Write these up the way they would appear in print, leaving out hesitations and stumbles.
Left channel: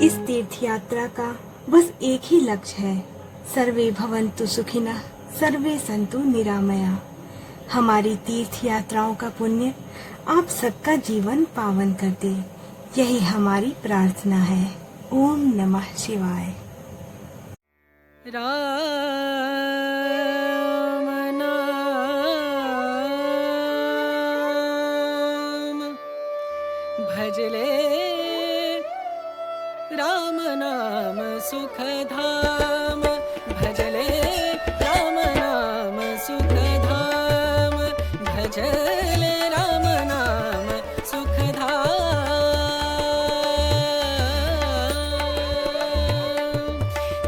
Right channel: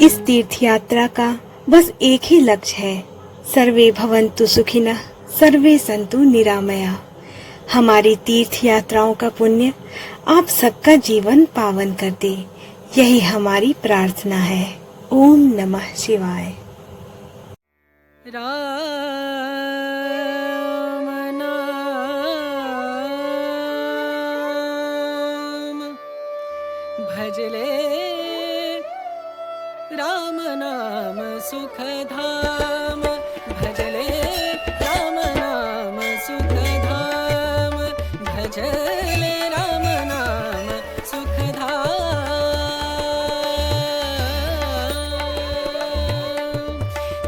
इस तीर्थ यात्रा का बस एक ही लक्ष्य है, सर्वे भवन्तु सुखिनः, सर्वे सन्तु निरामया। हमारी तीर्थ यात्राओं का पुण्य आप सबका जीवन पावन कर दे, यही हमारी प्रार्थना है। ओम नमः शिवाय। राम नाम भजले, राम नाम सुखधाम भजले, राम नाम सुखधाम भजले, राम नाम सुखधाम।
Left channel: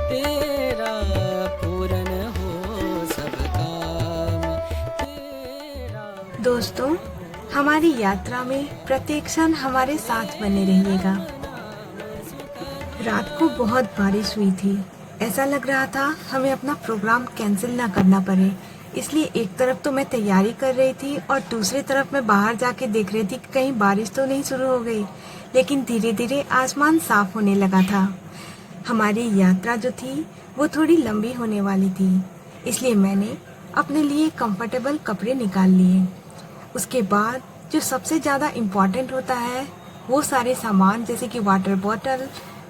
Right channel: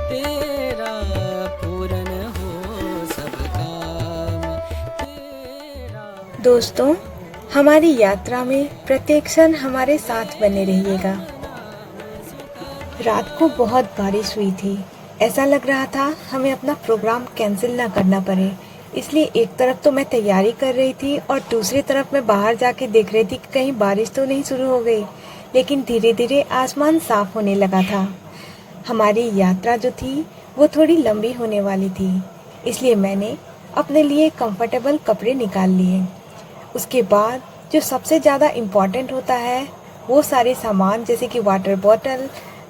तेरा पूरन हो सब काम, तेरा। दोस्तों, हमारी यात्रा में प्रत्येक क्षण हमारे साथ बने रहिएगा। रात को बहुत बारिश हुई थी। ऐसा लग रहा था हमें अपना प्रोग्राम कैंसिल ना करना पड़े, इसलिए एक तरफ तो मैं तैयारी कर रही थी और दूसरी तरफ मैं बाहर जाके देख रही थी कि कहीं बारिश तो नहीं शुरू हो गई। लेकिन धीरे धीरे आसमान साफ होने लगा था। हमारी यात्रा जो थी वो थोड़ी लंबी होने वाली थी, इसलिए मैंने अपने लिए कंफर्टेबल कपड़े निकाल लिए। उसके बाद जो सबसे ज़्यादा इम्पोर्टेंट होता है वो सारे सामान, जैसे कि वाटर बॉटल,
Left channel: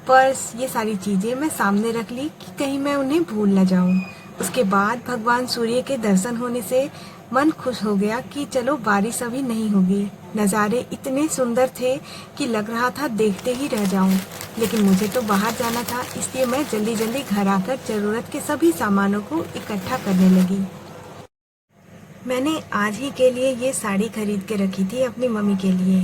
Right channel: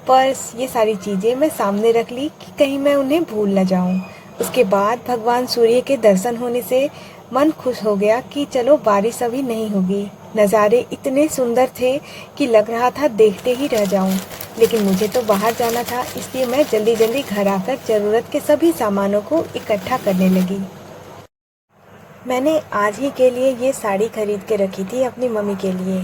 पर्स, ये सारी चीज़ें मैं सामने रख ली कि कहीं मैं उन्हें भूल न जाऊं। उसके बाद भगवान सूर्य के दर्शन होने से मन खुश हो गया कि चलो बारिश अभी नहीं होगी। नज़ारे इतने सुंदर थे कि लग रहा था देखते ही रह जाऊं। लेकिन मुझे तो बाहर जाना था, इसलिए मैं जल्दी जल्दी घर आकर ज़रूरत के सभी सामानों को इकट्ठा करने लगी। मैंने आज ही के लिए ये साड़ी खरीद के रखी थी अपनी मम्मी के लिए,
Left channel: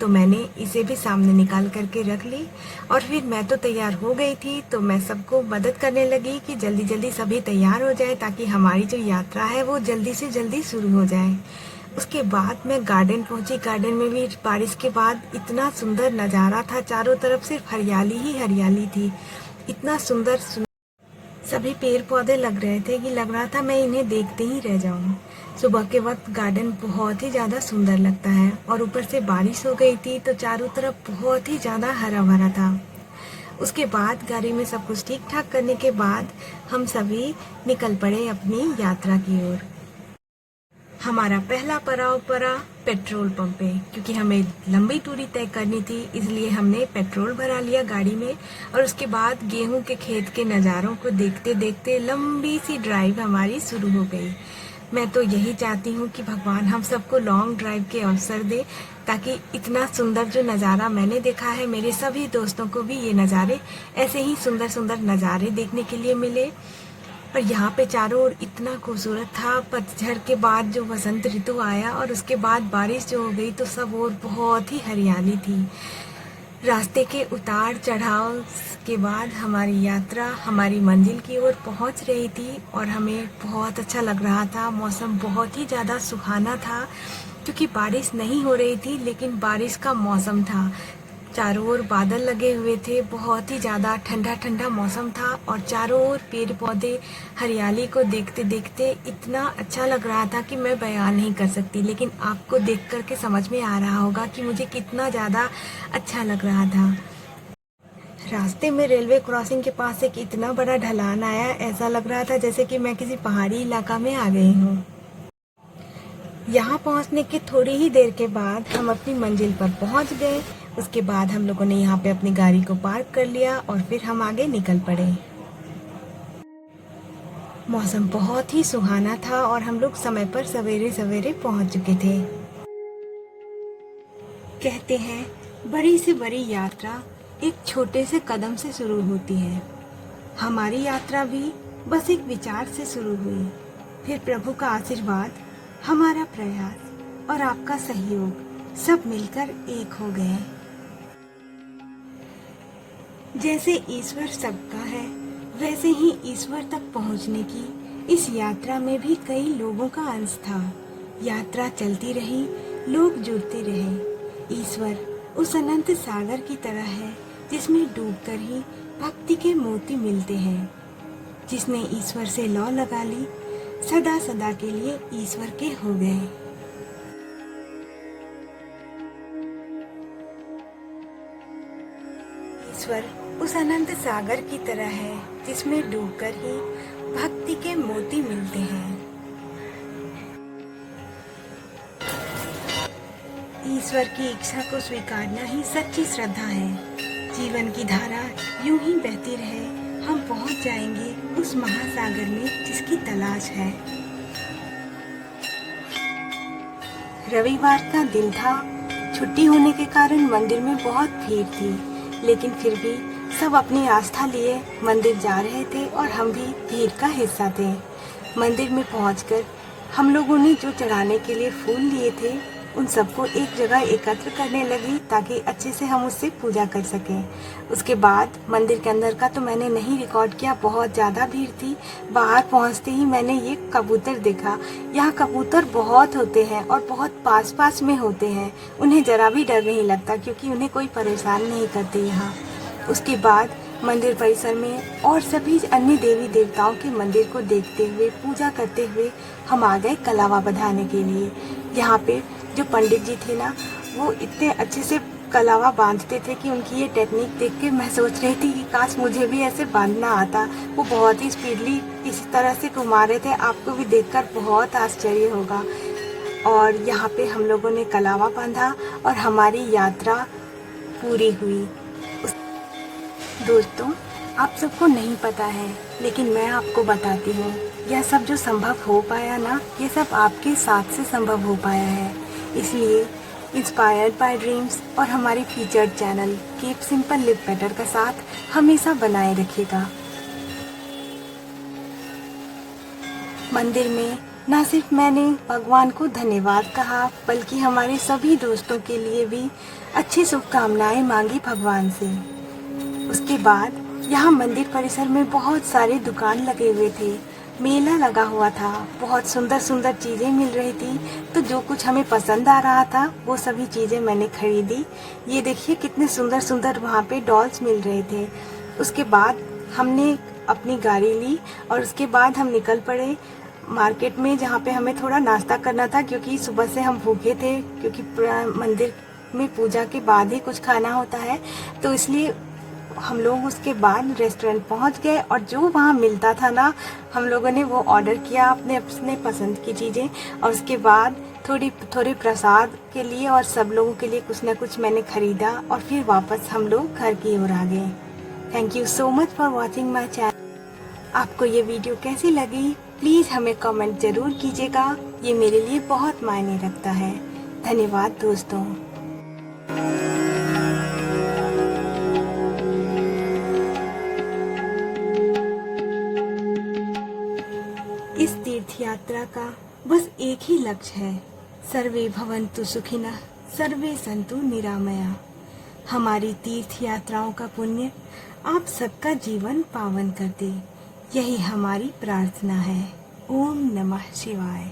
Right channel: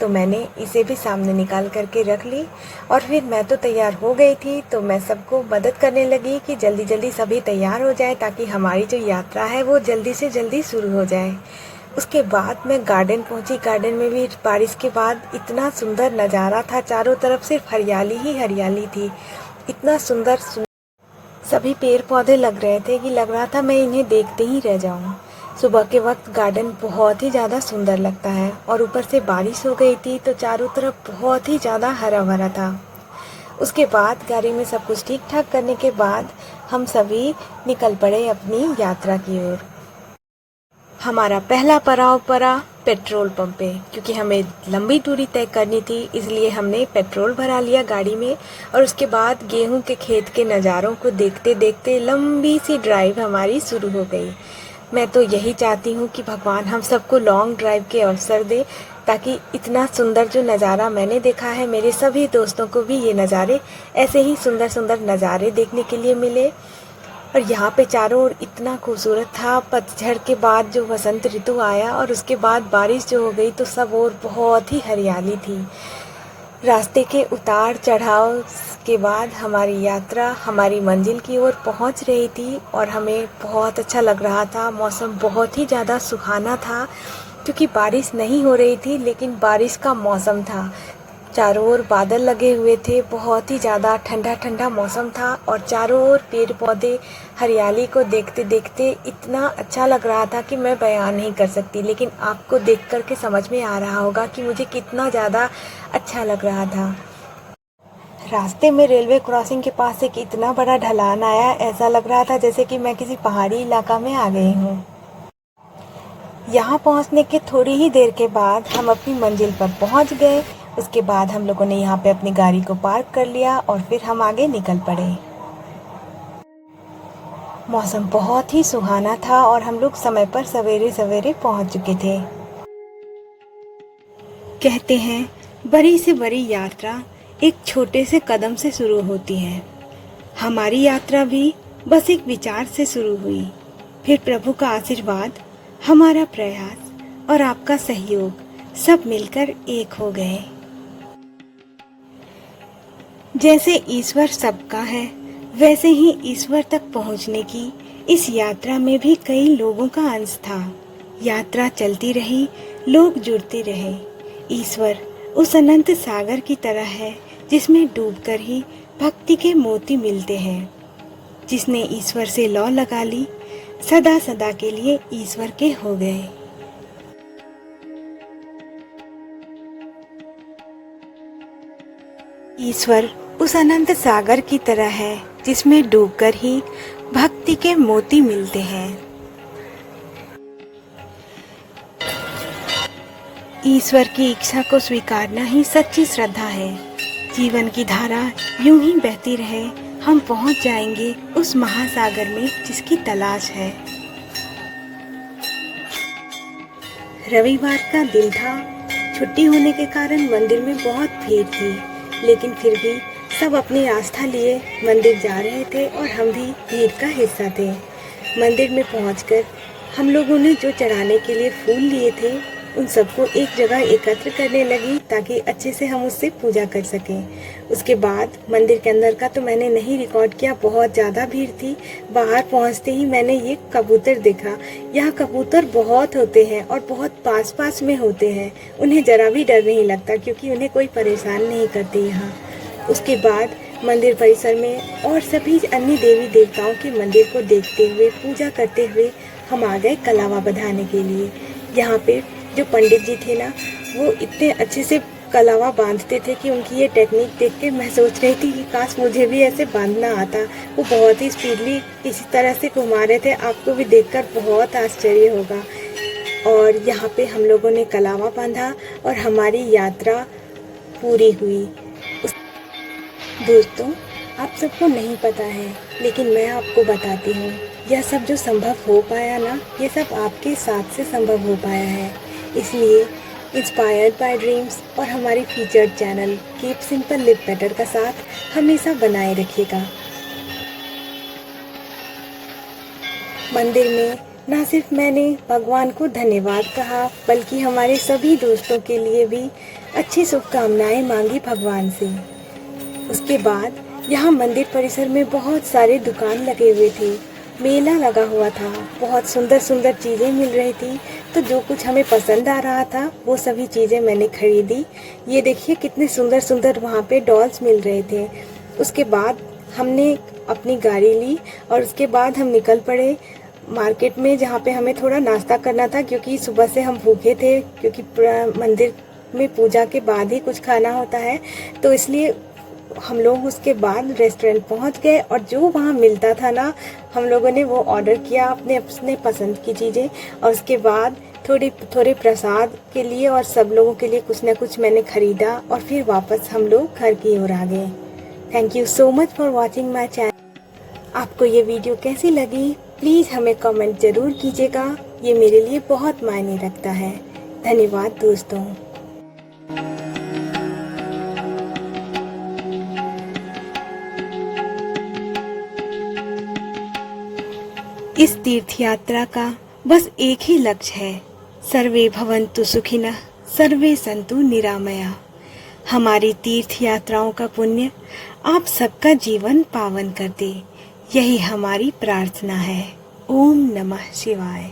तो मैंने इसे भी सामने निकाल करके रख ली। और फिर मैं तो तैयार हो गई थी, तो मैं सबको मदद करने लगी कि जल्दी जल्दी सभी तैयार हो जाए ताकि हमारी जो यात्रा है वो जल्दी से जल्दी शुरू हो जाए। उसके बाद मैं गार्डन पहुंची। गार्डन में भी बारिश के बाद इतना सुंदर नज़ारा था, चारों तरफ सिर्फ हरियाली ही हरियाली थी। इतना सुंदर सभी पेड़ पौधे लग रहे थे कि लग रहा था मैं इन्हें देखते ही रह जाऊं। सुबह के वक्त गार्डन बहुत ही ज़्यादा सुंदर लगता है और ऊपर से बारिश हो गई थी तो चारों तरफ बहुत ही ज़्यादा हरा भरा था। उसके बाद गाड़ी में सब कुछ ठीक ठाक करने के बाद हम सभी निकल पड़े अपनी यात्रा की ओर। हमारा पहला पड़ाव पड़ा पेट्रोल पंप पे, क्योंकि हमें लंबी दूरी तय करनी थी, इसलिए हमने पेट्रोल भरा लिया गाड़ी में। और उसके बाद गेहूं के खेत के नज़ारों को देखते देखते लंबी सी ड्राइव हमारी शुरू हो गई। मैं तो यही चाहती हूँ कि भगवान हम सबको लॉन्ग ड्राइव के अवसर दे, ताकि इतना सुंदर जो नज़ारा मैंने देखा है मेरे सभी दोस्तों को भी ये नज़ारे, ऐसे ही सुंदर सुंदर नज़ारे देखने के लिए मिले। और यहाँ पे चारों ओर इतना खूबसूरत था। पतझड़ के बाद जो वसंत ऋतु आया और उसके बाद बारिश जो हो गई तो सब और बहुत ही हरियाली थी। रास्ते के उतार चढ़ाव के बाद हमारी यात्रा हमारी मंजिल की ओर पहुँच रही थी और हमें बहुत अच्छा लग रहा था। मौसम बहुत ही ज़्यादा सुहाना था, क्योंकि बारिश नहीं हो रही थी लेकिन बारिश का मौसम था। चारों ओर बादल लगे हुए थे, बहुत ही ज़्यादा ठंडा ठंडा मौसम था और चारों ओर पेड़ पौधे, हरियाली को देखते देखते इतना अच्छा लग रहा था कि मैं बयान नहीं कर सकती। लेकिन आपको देख कर के समझ में आ रहा होगा कि मुझे कितना ज़्यादा अच्छा लग रहा था। रास्ते में रेलवे क्रॉसिंग के पास एक इतना बड़ा ढलान आया, ऐसा लग रहा था जैसे कि मैं किसी पहाड़ी इलाका में आ गई हूँ। यहाँ पहुँचने के थोड़ी ही देर के बाद हम अपनी मंजिल पर पहुँच गए। उसके बाद हम लोगों ने यहाँ पे अपनी गाड़ी को पार्क कर लिया और फिर हम आगे निकल पड़े। मौसम बहुत ही सुहाना था और हम लोग समय पर सवेरे सवेरे पहुँच चुके थे। कहते हैं बड़ी से बड़ी यात्रा एक छोटे से कदम से शुरू होती है। हमारी यात्रा भी बस एक विचार से शुरू हुई, फिर प्रभु का आशीर्वाद, हमारा प्रयास और आपका सहयोग सब मिलकर एक हो गए। जैसे ईश्वर सबका है, वैसे ही ईश्वर तक पहुंचने की इस यात्रा में भी कई लोगों का अंश था। यात्रा चलती रही, लोग जुड़ते रहे। ईश्वर उस अनंत सागर की तरह है जिसमें डूबकर ही भक्ति के मोती मिलते हैं। जिसने ईश्वर से लौ लगा ली, सदा सदा के लिए ईश्वर के हो गए। ईश्वर उस अनंत सागर की तरह है जिसमें डूबकर ही भक्ति के मोती मिलते हैं। ईश्वर की इच्छा को स्वीकारना ही सच्ची श्रद्धा है। जीवन की धारा यूं ही बहती रहे, हम पहुंच जाएंगे उस महासागर में जिसकी तलाश है। रविवार का दिन था। छुट्टी होने के कारण मंदिर में बहुत भीड़ थी, लेकिन फिर भी सब अपनी आस्था लिए मंदिर जा रहे थे और हम भी भीड़ का हिस्सा थे। मंदिर में पहुंचकर हम लोगों ने जो चढ़ाने के लिए फूल लिए थे उन सबको एक जगह एकत्र करने लगी ताकि अच्छे से हम उससे पूजा कर सकें। उसके बाद मंदिर के अंदर का तो मैंने नहीं रिकॉर्ड किया, बहुत ज़्यादा भीड़ थी। बाहर पहुंचते ही मैंने ये कबूतर देखा। यहाँ कबूतर बहुत होते हैं और बहुत पास पास में होते हैं। उन्हें ज़रा भी डर नहीं लगता क्योंकि उन्हें कोई परेशान नहीं करते यहाँ। उसके बाद मंदिर परिसर में और सभी अन्य देवी देवताओं के मंदिर को देखते हुए पूजा करते हुए हम आ गए कलावा बंधाने के लिए। यहाँ पे जो पंडित जी थे ना, वो इतने अच्छे से कलावा बांधते थे कि उनकी ये टेक्निक देख के मैं सोच रही थी कि काश मुझे भी ऐसे बांधना आता। वो बहुत ही स्पीडली इसी तरह से घुमा रहे थे, आपको भी देखकर बहुत आश्चर्य होगा। और यहाँ पे हम लोगों ने कलावा बांधा और हमारी यात्रा पूरी हुई। दोस्तों, आप सबको नहीं पता है, लेकिन मैं आपको बताती हूँ, यह सब जो संभव हो पाया ना, ये सब आपके साथ से संभव हो पाया है। इसलिए इंस्पायर्ड बाय ड्रीम्स और हमारी featured channel keep simple live better का साथ हमेशा बनाए रखिएगा। मंदिर में न सिर्फ मैंने भगवान को धन्यवाद कहा, बल्कि हमारे सभी दोस्तों के लिए भी अच्छी शुभकामनाएं मांगी भगवान से। उसके बाद यहाँ मंदिर परिसर में बहुत सारे दुकान लगे हुए थे, मेला लगा हुआ था, बहुत सुंदर सुंदर चीज़ें मिल रही थी। तो जो कुछ हमें पसंद आ रहा था वो सभी चीज़ें मैंने खरीदी। ये देखिए कितने सुंदर सुंदर वहाँ पे डॉल्स मिल रहे थे। उसके बाद हमने अपनी गाड़ी ली और उसके बाद हम निकल पड़े मार्केट में, जहाँ पे हमें थोड़ा नाश्ता करना था क्योंकि सुबह से हम भूखे थे, क्योंकि मंदिर में पूजा के बाद ही कुछ खाना होता है। तो इसलिए हम लोग उसके बाद रेस्टोरेंट पहुंच गए और जो वहाँ मिलता था ना, हम लोगों ने वो ऑर्डर किया अपने पसंद की चीज़ें। और उसके बाद थोड़े प्रसाद के लिए और सब लोगों के लिए कुछ न कुछ मैंने ख़रीदा और फिर वापस हम लोग घर की ओर आ गए। Thank you so much for watching my channel. आपको ये वीडियो कैसी लगी प्लीज़ हमें कमेंट ज़रूर कीजिएगा, ये मेरे लिए बहुत मायने रखता है। धन्यवाद दोस्तों। इस तीर्थ यात्रा का बस एक ही लक्ष्य है, सर्वे भवन्तु सुखिनः, सर्वे सन्तु निरामया। हमारी तीर्थ यात्राओं का पुण्य आप सबका जीवन पावन कर दे, यही हमारी प्रार्थना है। ओम नमः शिवाय।